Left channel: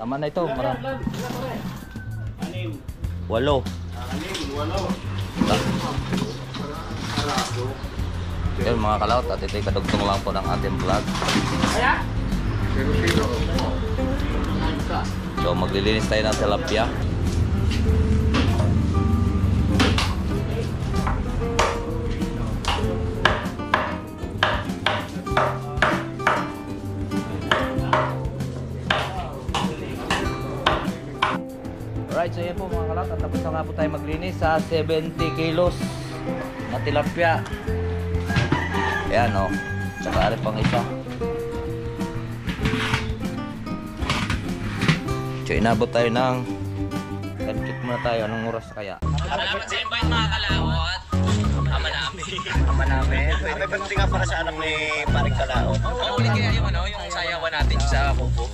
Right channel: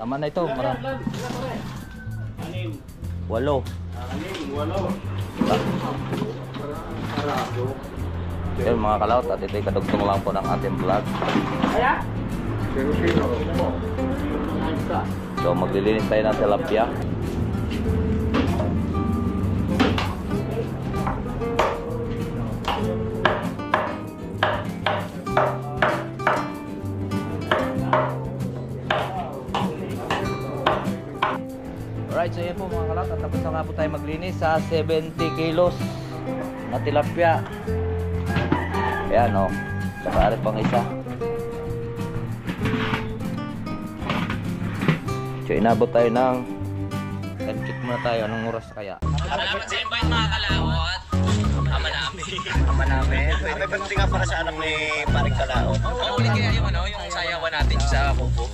Tama na ito. Marami. 8. 8. Yun mga kalaot, at ito'y kadugtong lang po ng ating vlog. So maglilinis tayo ng tilapia. Alright, so yan po mga kalat, at tapos na nga po tayo maglinis sa 70 kilos na tilapia. Ayan o, saka rin pang isa. So inabot tayo ng check muna tayo, anong oras kaya? Salamat sa invite mga kalawot. Ama namin. Ama namin. May birthday nga para sa anak ni Paring Kalao. Uli kaya yung yung sayawan natin sa kubo.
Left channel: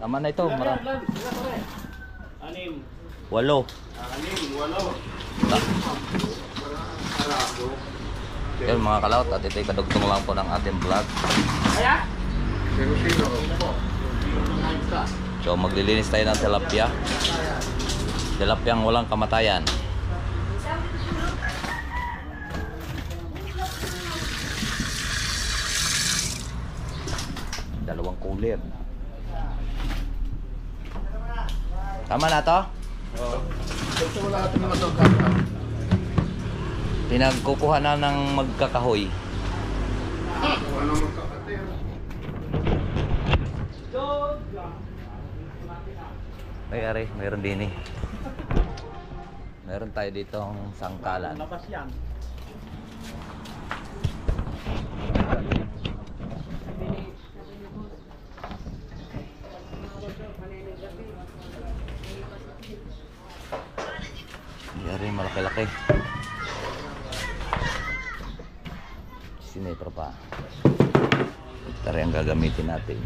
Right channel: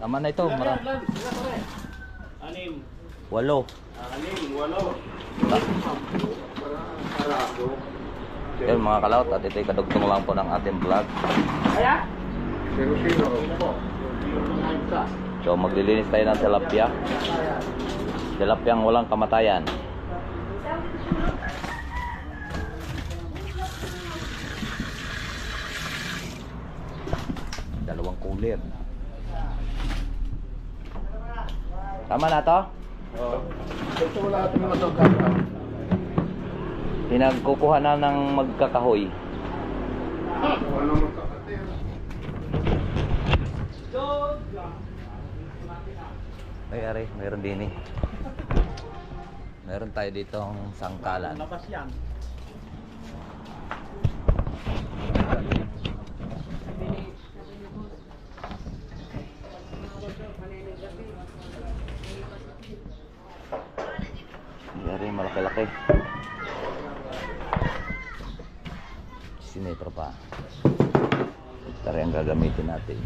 Tama na ito. Marami. 8. 8. Yun mga kalaot, at ito'y kadugtong lang po ng ating vlog. So maglilinis tayo ng tilapia. Tilapiyang walang kamatayan. Dalawang cooler. Tama na to? Oo. Ito wala natin yung matugkap. Pinagkukuha na ng magkakahoy. Wala magkakatir. Ay, ari, mayroon din eh. Meron tayo dito ang sangkalan. Labas yan. Yari, malaki-laki. Sinipro pa. Ito rin ang gagamitin natin.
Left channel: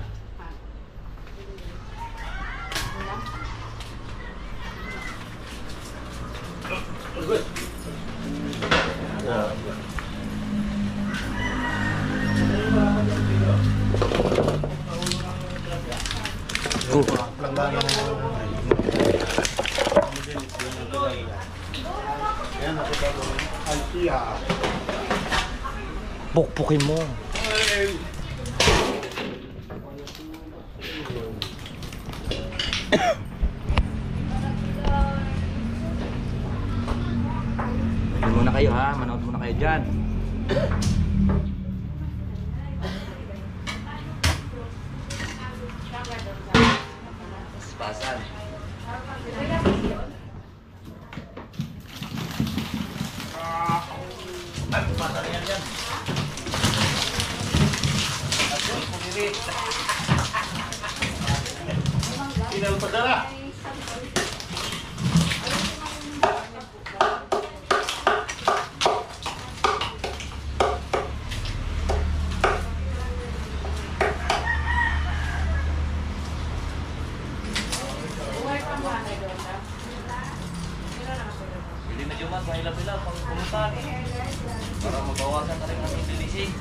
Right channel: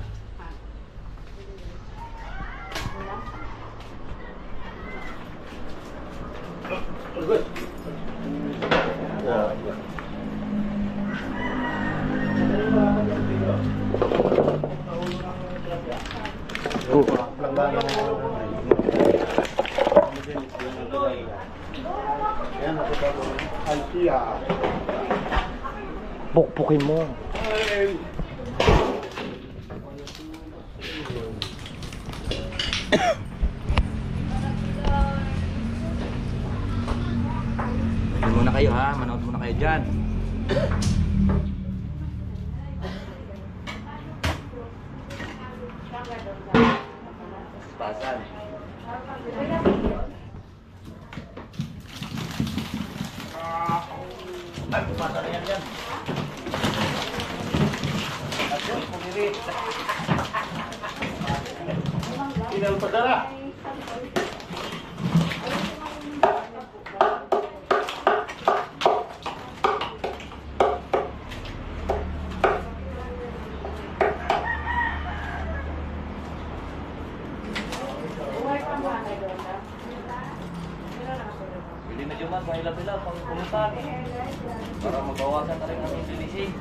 Pukpukin mo. Manood muna kayo ha, manood muna kayo dyan. Paspasan. Kinal padala. Pili medyo man, mahila-hila pang pulutan. Para mabawasan na rin ang indilising.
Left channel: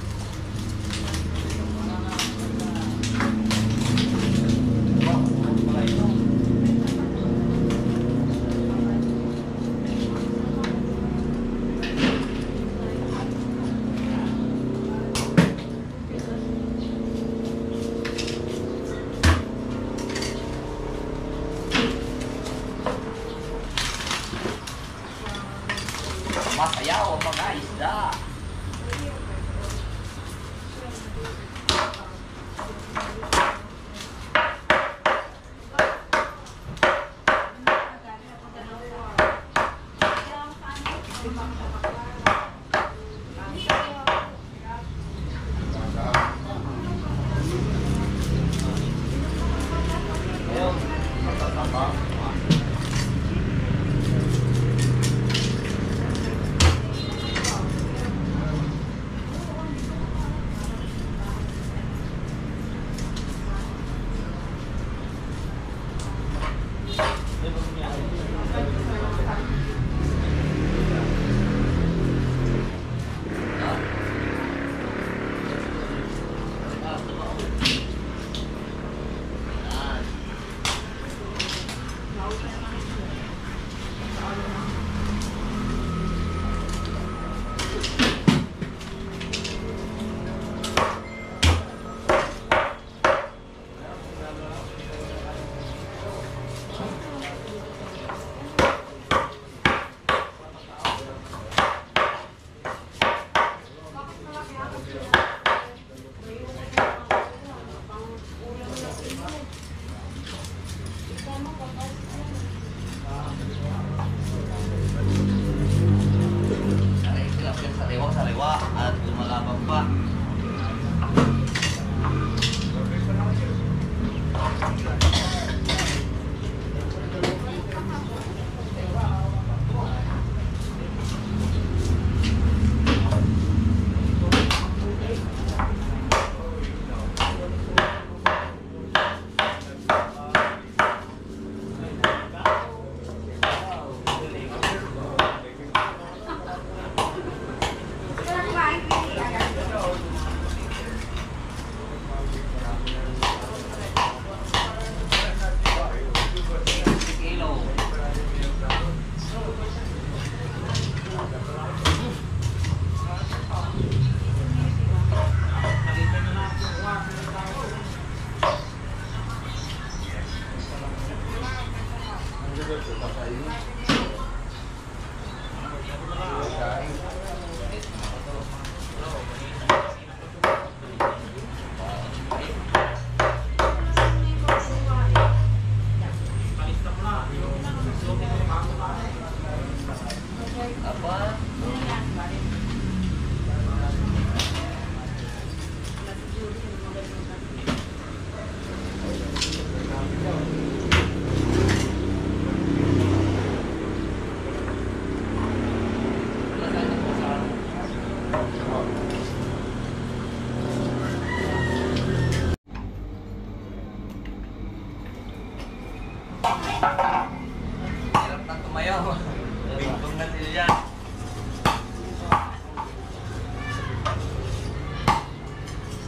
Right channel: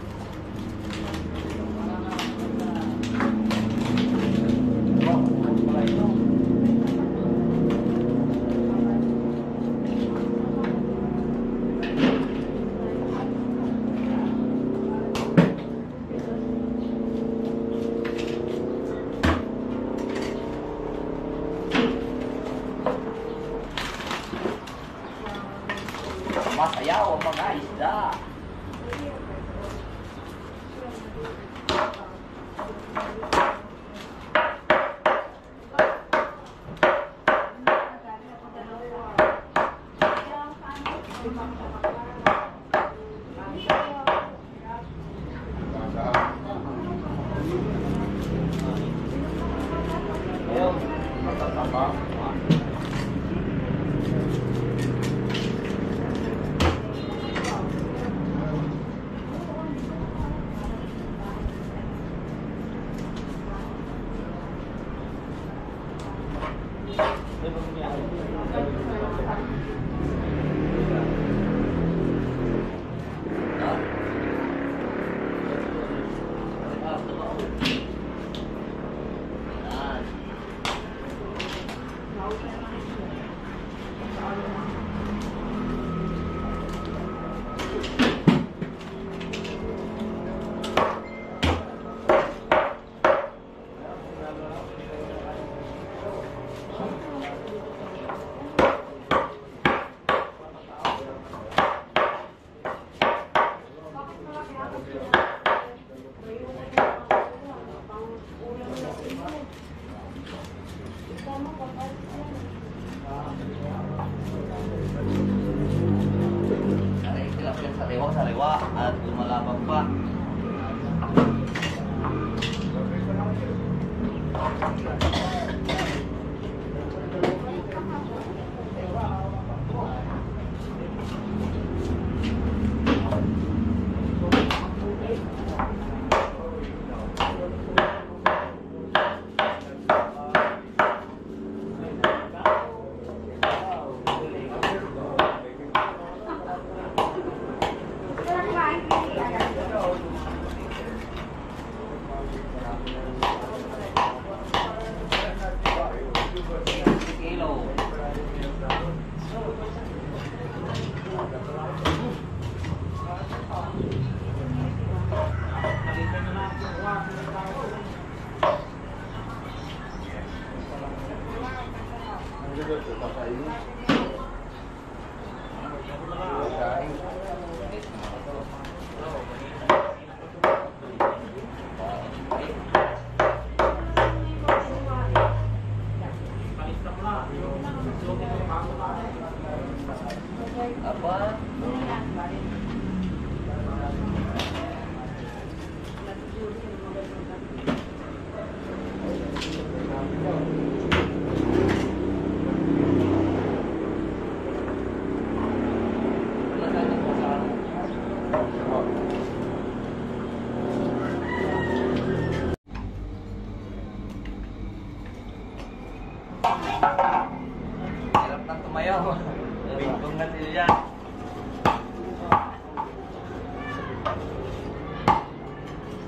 Masayaw ang mga isda. sawa at lumalabang pa. Apa? Hirap na tumayaw. Bingkong na sila.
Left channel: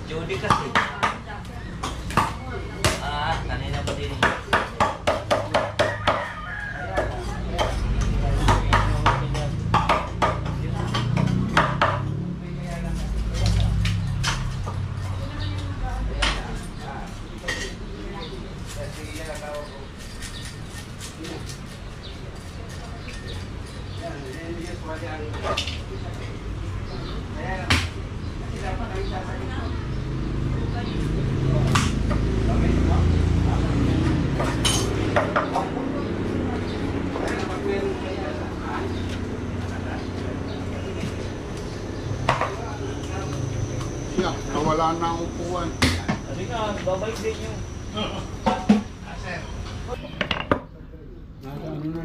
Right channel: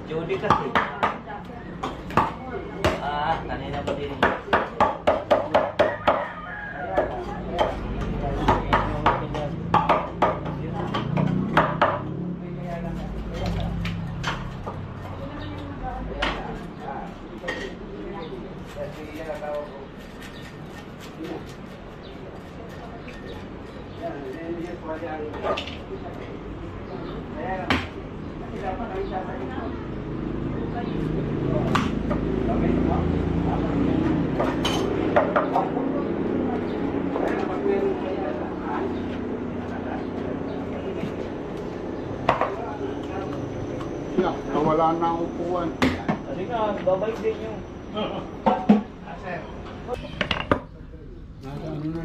Jody kasi. Kanina pa din. Nawala na ang upuan. Sabi nga, babalik din yung... Nasa ano na?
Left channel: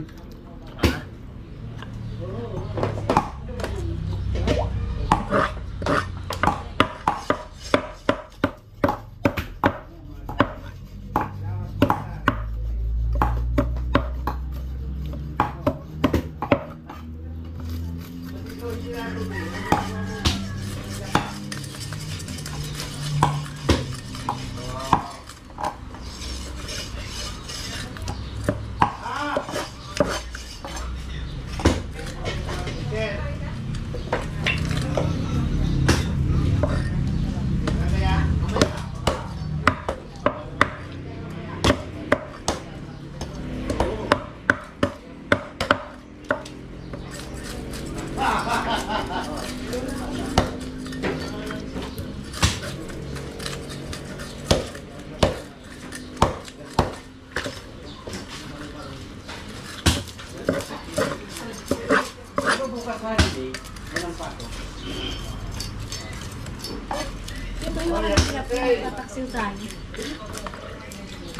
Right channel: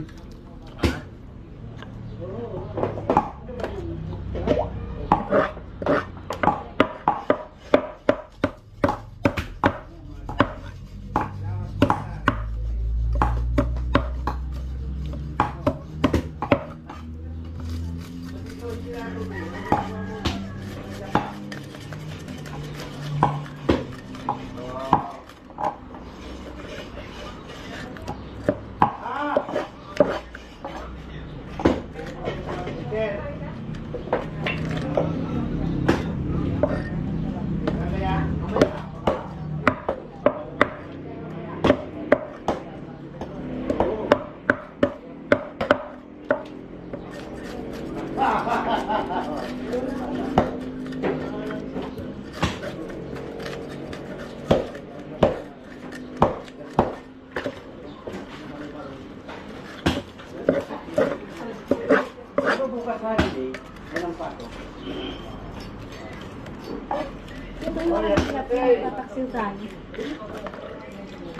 Ito yung mga hirap na tataksiltan.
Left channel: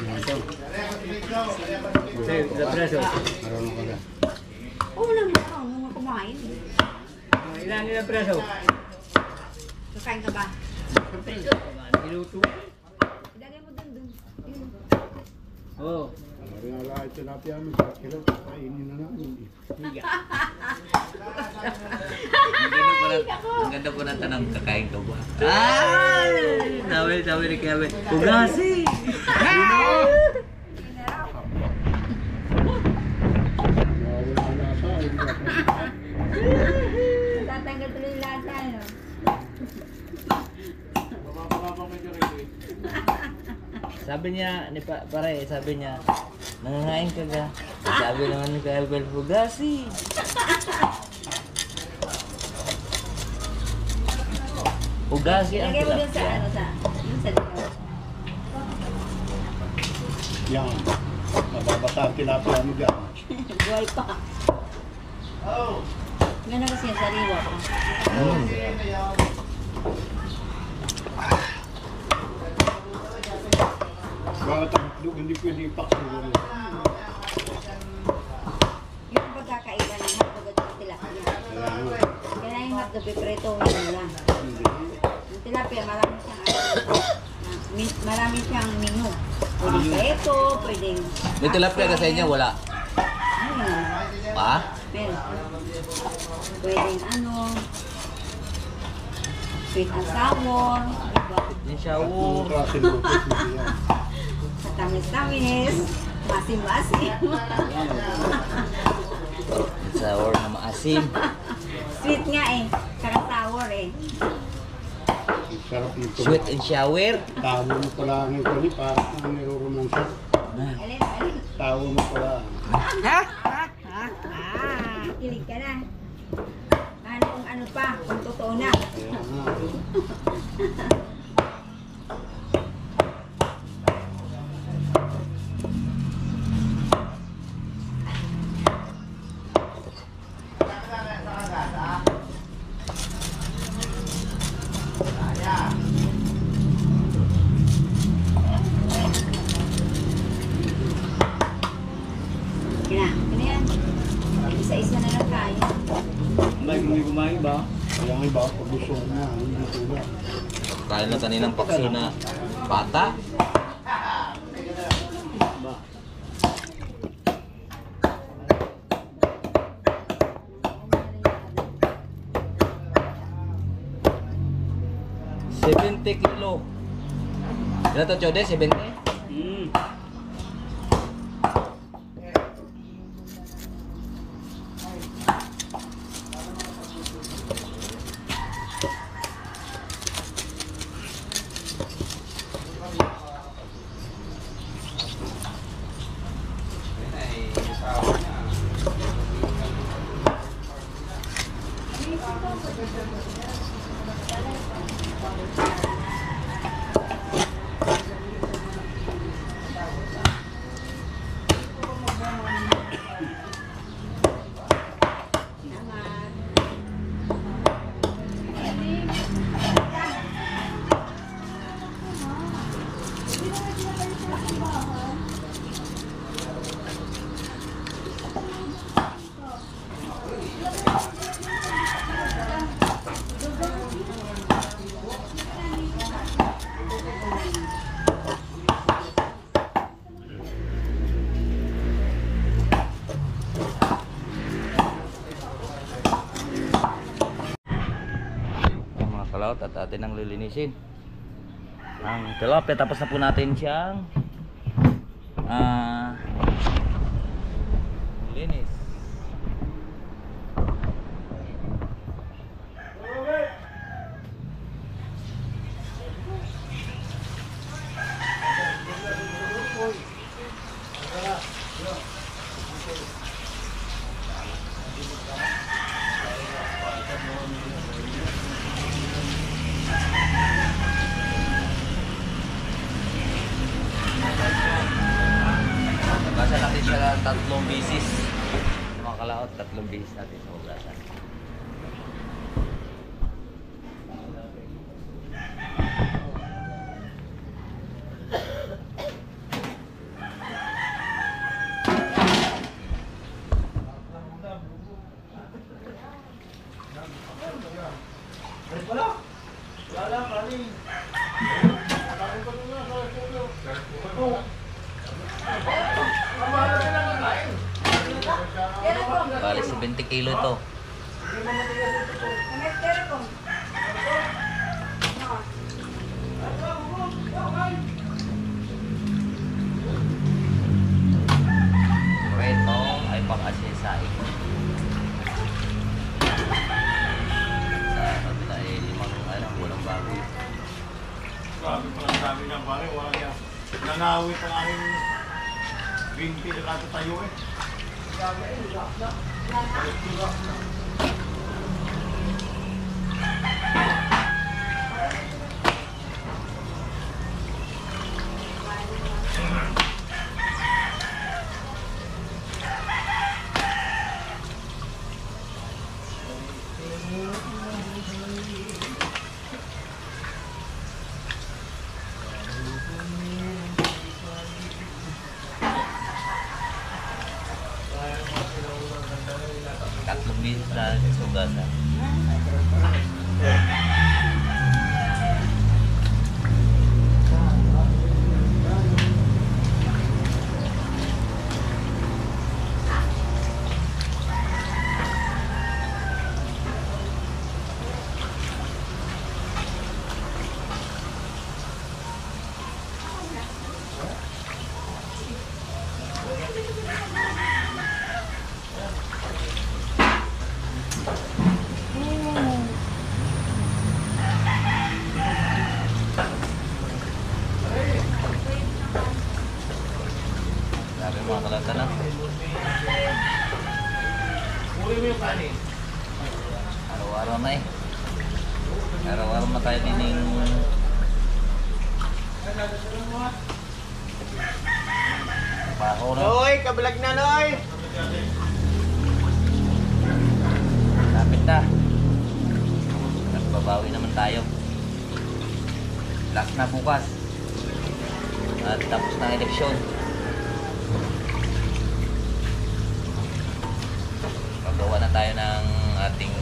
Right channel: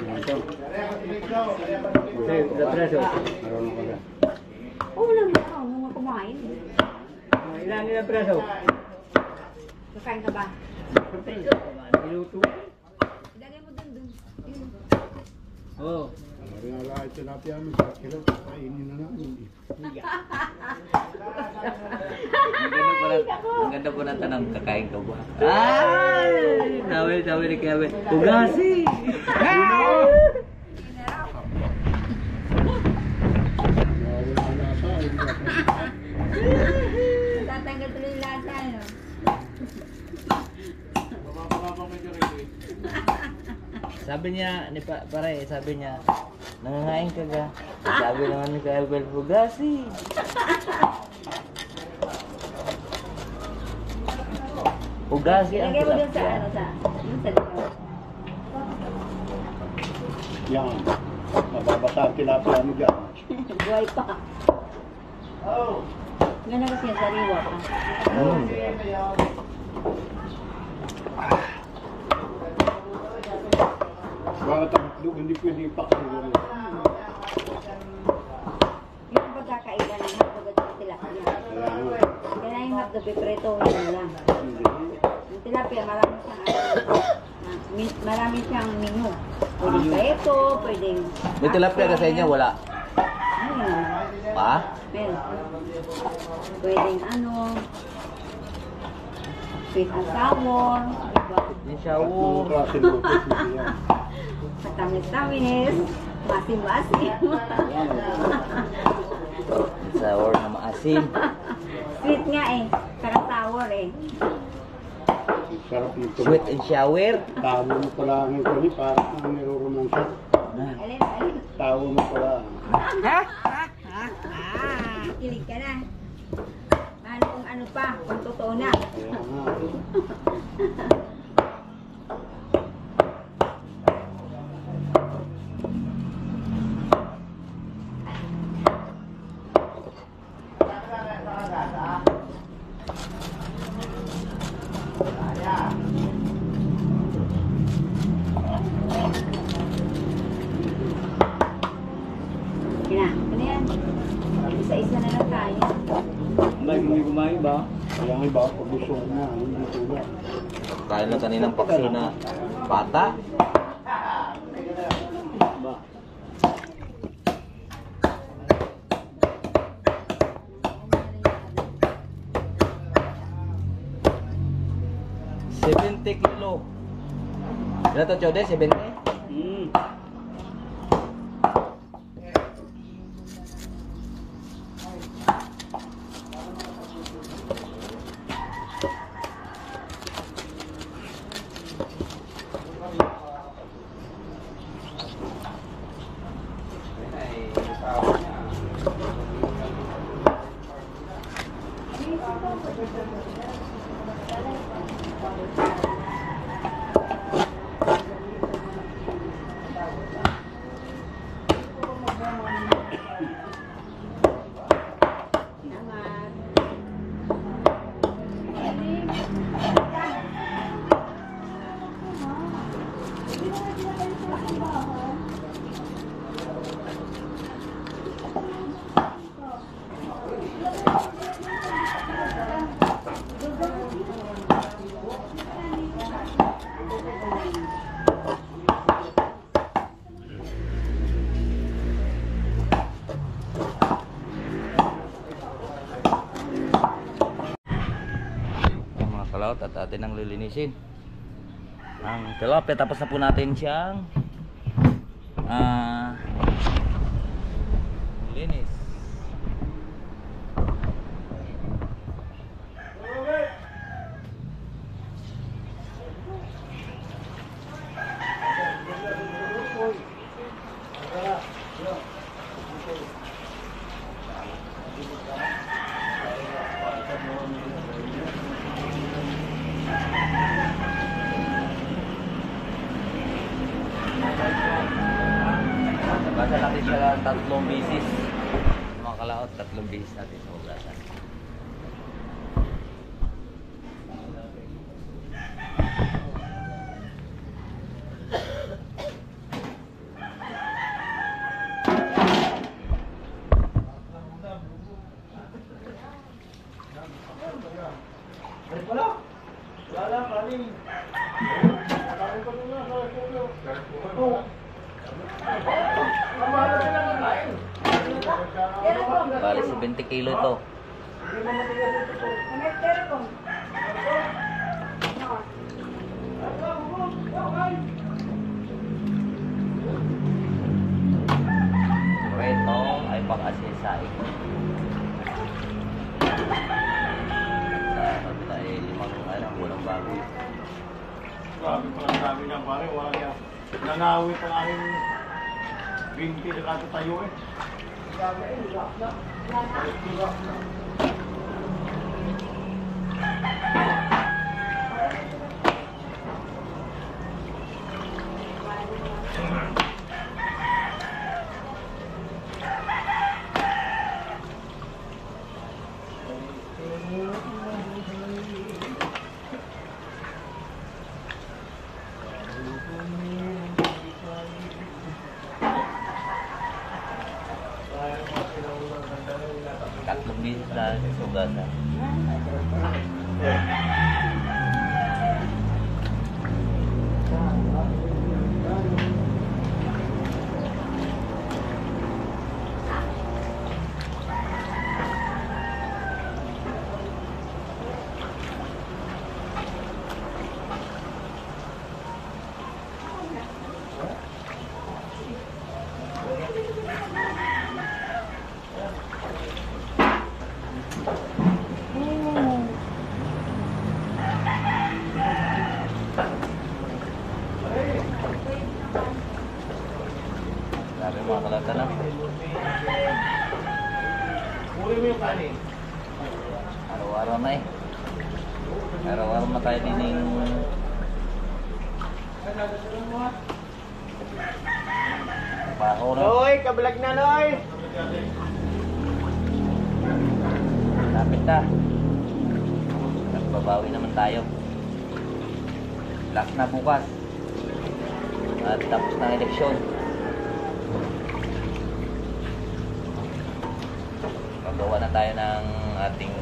Ito. Marunong ka na. Oo naman, mga kumain. Ilan nila preso? Kakain ka ba? Iluto. Ilagay mo dun. Yun. Oo. Rin ala ay tilapia mo. Kilo, kainin na namin. Ang ganda ko na tanong, kakain ka ba? Ay! Sabi ni Kevin, Ugasi! Nawala na sa ay. Tatanggal tuloy yung lasa, no? Sabi niya, pare, sabi niya, nangangain ka ga? Sabi naman ni Kevin, Ugasi! Ugasi ang Ilagay mo dun sa, tilapia. yung sa likod. Yan. Mababasa ang tilapia mo dyan. Buhay pa. Oh! Gano'n kasi yung sariwa pa. Bakit ang itlog hindi pwede ipaksugan? Yung pagkakaiba ng hotdog at yung tilapia. Kaya yung hotdog, pipretohin mo lang. Yung tilapia, marami siyang menu. Pwedeng peto, pwedeng... May tilapia ka sa inyo, wala. Ayun. Pa? Meron. Pwedeng sweet and sour, diba? Yung siya, Ang klase ng lupit hindi yan. Matamis-tamis, masim-masim. sour na maasim. Sweet nga eh, saka sour eh. Ang sarap nito. Sweet and shower. Tawo mo pala ang ito ni parang ang niroromansya. Alin? Tawo mo pala. Kilig ka na. Kung ano pa, kung totoo na. Kaya nga. Kina, ano yan? Isa-isa na lang tayo. Hindi kumain ba? Kaya nga iba pag gusto ko na. Hindi tulad. Kain lang kaninang paksi na bata. Ba? $70 kilo. Ilan to, Chode? 70? Kalaot at atin ang lilinisin ang tilapia, tapos na po natin siyang linis. Nabasa natin siya 3 bisis. Mga kalaot, 3 bisis natin sa hugasan. Bali 70 kilo ito. Ito ay pang-asesay. Sa kabila ay 5 walang baboy. Grabe pala sabi niya pare, wala niya. Nanawit ang aking binti na katatayo eh. hugasan. Sabi mga kalata na. Araw-araw na eh. Araw-araw na tayo dining trabaho na. Noy, kabalag na Noy! Lapit na. Nagbabawi naman tayo. Last na bukas. At tapos ng eleksyon. Gagawa na tayo ng ating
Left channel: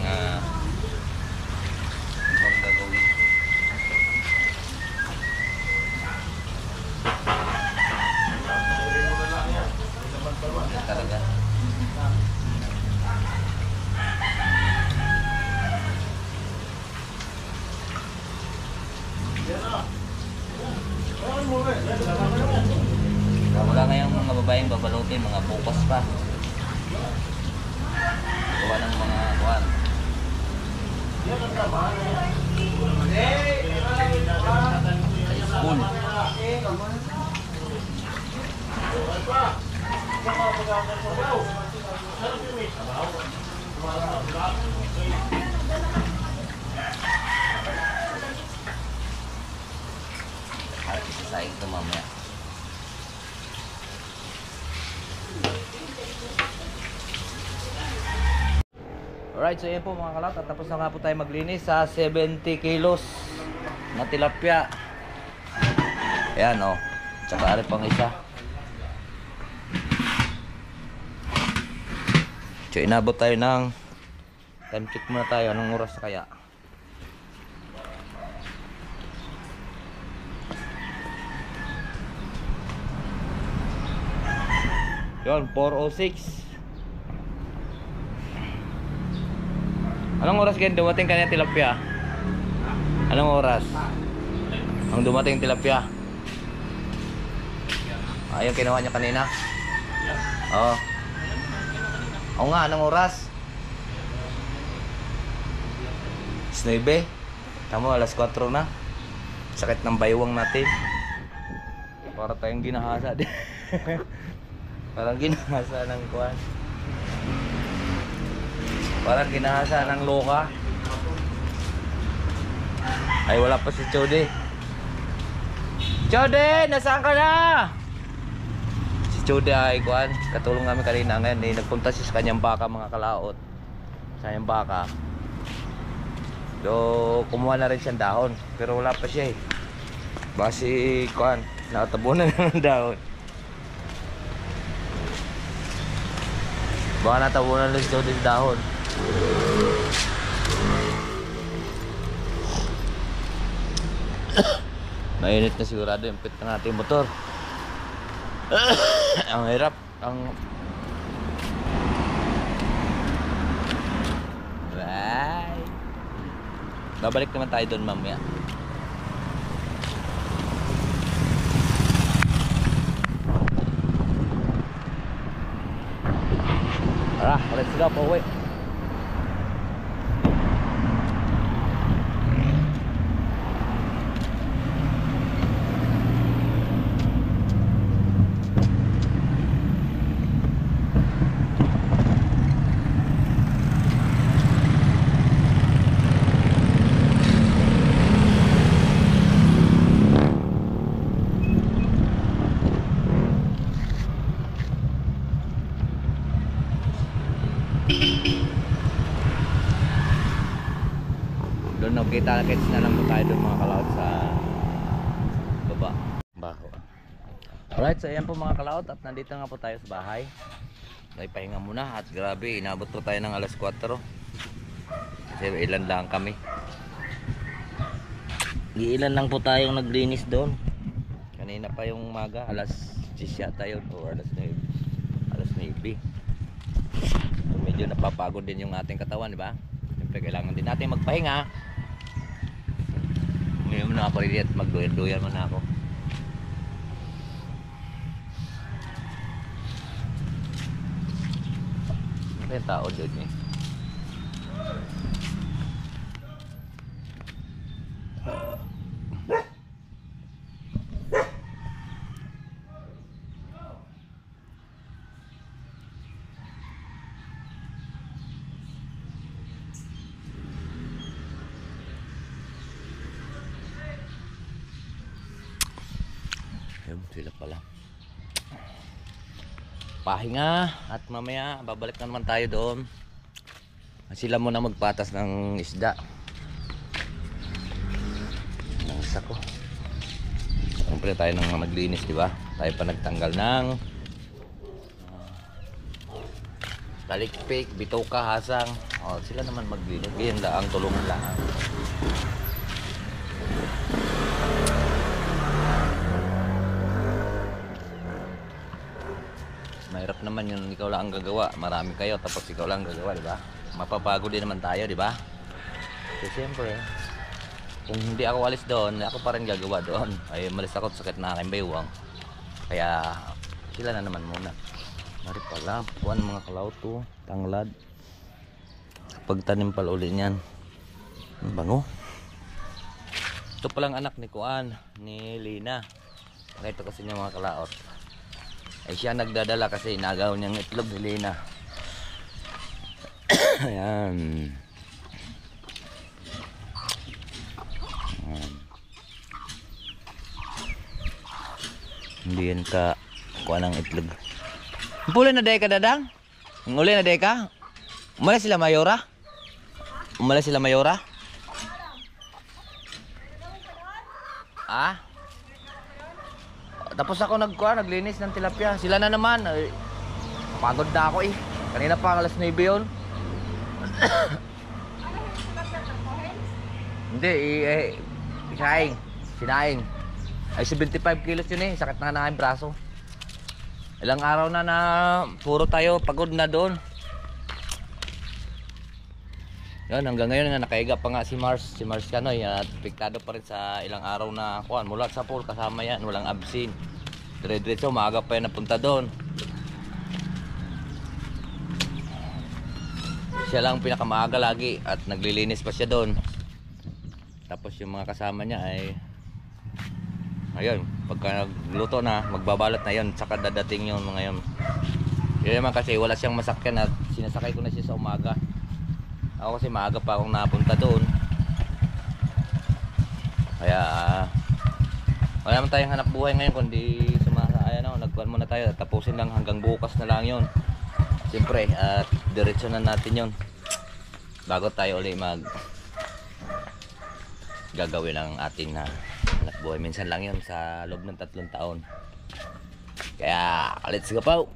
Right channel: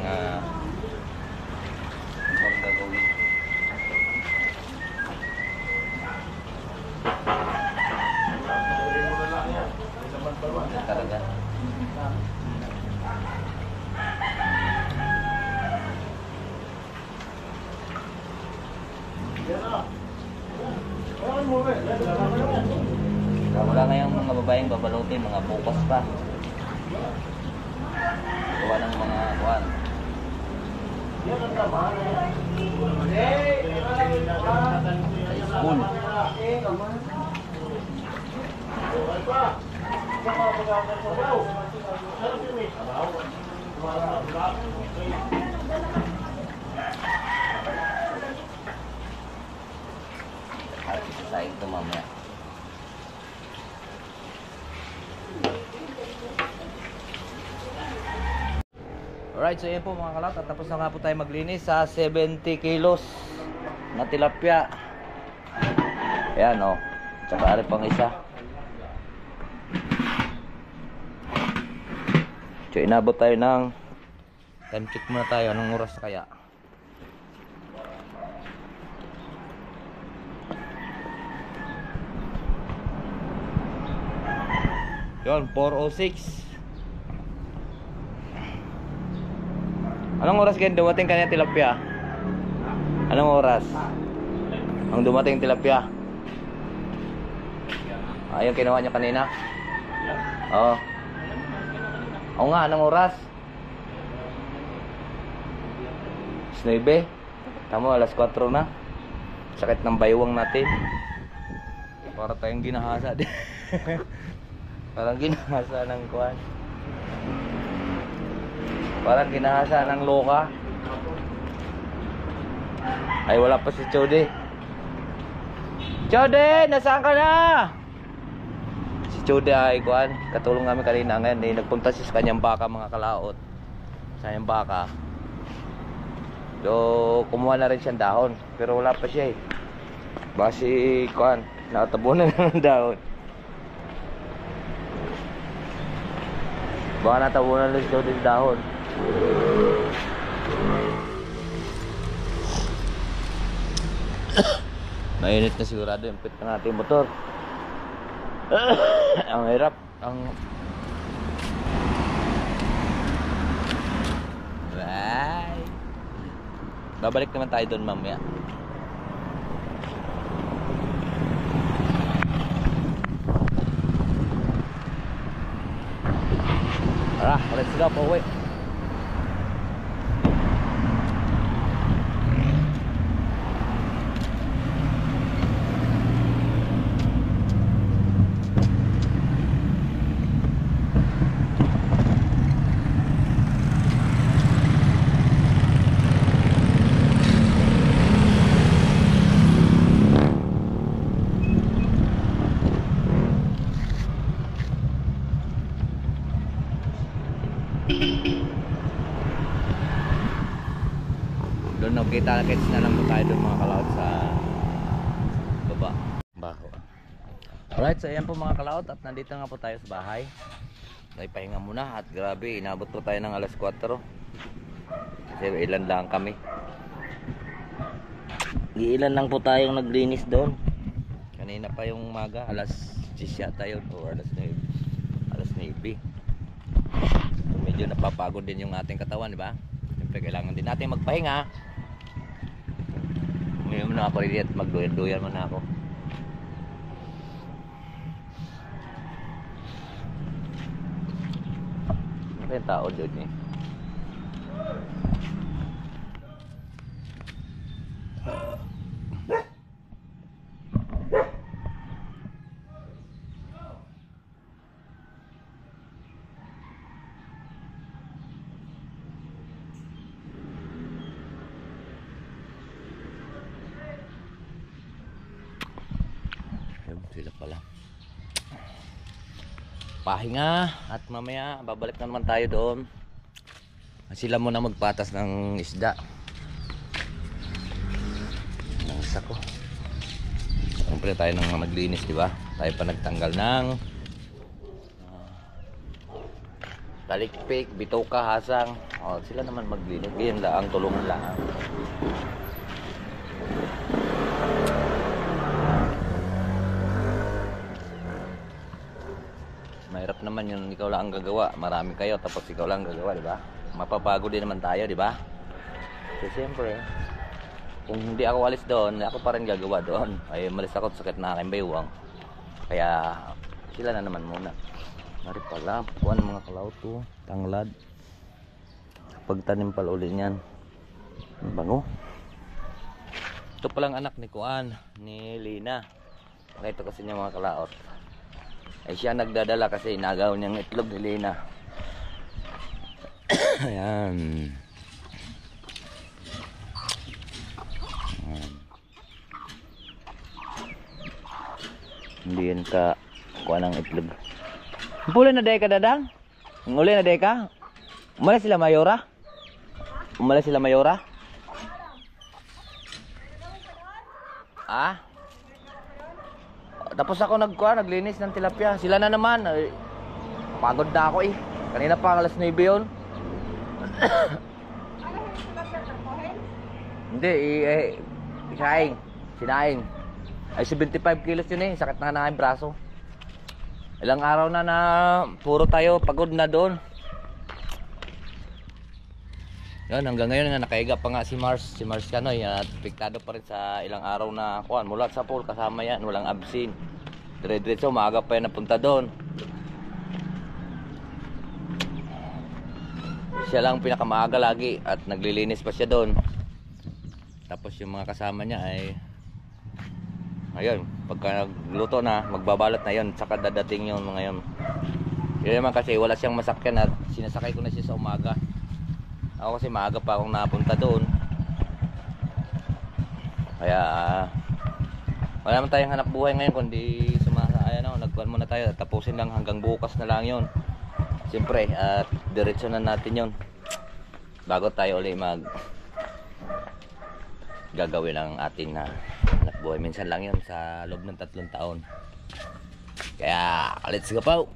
ibang gagawin. Yan talaga. Wala ngayong mga babaeng babalutin, mga bukas pa. Gawa ng mga kuwan. School. At isasaing ito mamaya. Alright, so yun po mga kalat. At tapos na nga po tayo maglinis sa 70 kilos na tilapia. Ayan o. Tsaka ari pang isa. So inabot tayo ng time check muna tayo. Anong oras kaya? Yun, 4:06. Anong oras ganyan dumating kanina tilapia? Anong oras? Ang dumating tilapia? Yung kinuha niya kanina? Oo. Oo nga, anong oras? 9. Tama, alas 4 na. Sakit ng baywang natin. Para tayong ginahasa din. Parang ginahasa ng kuwan. Parang ginahasa ng loka. Ay, wala pa si Chode. Chode, nasaan ka na? Si Chode ay kuwan. Katulong namin kanina ngayon. Nagpunta siya sa kanyang baka, mga kalaot. Sa kanyang baka. So, kumuha na rin siyang dahon. Pero wala pa siya eh. Baka si kuwan, nakatabunan na ng dahon. Baka natabunan lang si Chode sa dahon. Mainit na sigurado yung pit ng ating motor. Ang hirap. Bye. Babalik naman tayo doon mamaya. Tara, let's go po uwi. Doon kita-kits na lang po tayo doon mga kalaot sa baba. Baho. Alright, so ayan po mga kalaot at nandito nga po tayo sa bahay. Ay pahinga muna at grabe, inabot po tayo ng alas 4. Kasi ilan lang kami. Ilan lang po tayong naglinis doon. Kanina pa yung umaga, alas 10 yata yun, o alas 9. Alas 9. Medyo napapagod din yung ating katawan, di ba? Siyempre kailangan din natin magpahinga. Ngayon na ako rin at magduyan-duyan mo na ako. Ano yung tao doon eh? Yun, sila pala. Pahinga at mamaya babalik na naman tayo doon. Sila muna magpatas ng isda. Ang sako. Siyempre tayo nang maglinis, di ba? Tayo pa nagtanggal ng talikpik, bitoka, hasang. Oh, sila naman maglinis. Ganyan lang, tulungan lang. Mahirap naman yun, ikaw lang ang gagawa. Marami kayo tapos ikaw lang ang gagawa, di ba? Mapapagod din naman tayo, di ba? Kasi siyempre, kung hindi ako alis doon, ako pa rin gagawa doon. Ay, malis ako sakit na aking baywang. Kaya sila na naman muna. Mari pala, puan mga kalauto, tanglad. Pagtanim pala ulit niyan. Ang bango. Ito palang anak ni Kuan, ni Lina. Pakita kasi niya mga kalaot. Ay siya nagdadala kasi inagaw niyang itlog ni Lina. Ayan. Ayan. Hindi yan ka kuha ng itlog. Pula na day ka, Dadang? Uli na day ka? Umalis sila Mayora? Umalis sila Mayora? Ah? Tapos ako naglinis ng tilapia. Sila na naman. Ay, pagod na ako eh. Kanina pa alas 9 yun. Hindi, sinaing. Ay 75 kilos yun eh. Sakit na aking braso. Ilang araw na puro tayo pagod na doon. Yan, hanggang ngayon nga nakaiga pa nga si Mars Canoy at piktado pa rin sa ilang araw na kuan mula sa pool kasama yan, walang absin. Dire-diretso maaga pa yan napunta doon. Siya lang pinakamaaga lagi at naglilinis pa siya doon. Tapos yung mga kasama niya ay ayun, pagka nagluto na, magbabalot na yun, saka dadating yun mga yun. Yun naman kasi wala siyang masakyan at sinasakay ko na siya sa umaga. Ako kasi maaga pa akong napunta doon. Kaya wala naman tayong hanap buhay ngayon kundi nagkuhan muna tayo. Tapusin lang hanggang bukas na lang yun. Siyempre at diretso na natin yun bago tayo ulit gagawin ang ating hanap buhay. Minsan lang yun sa loob ng 3 taon. Kaya let's go po.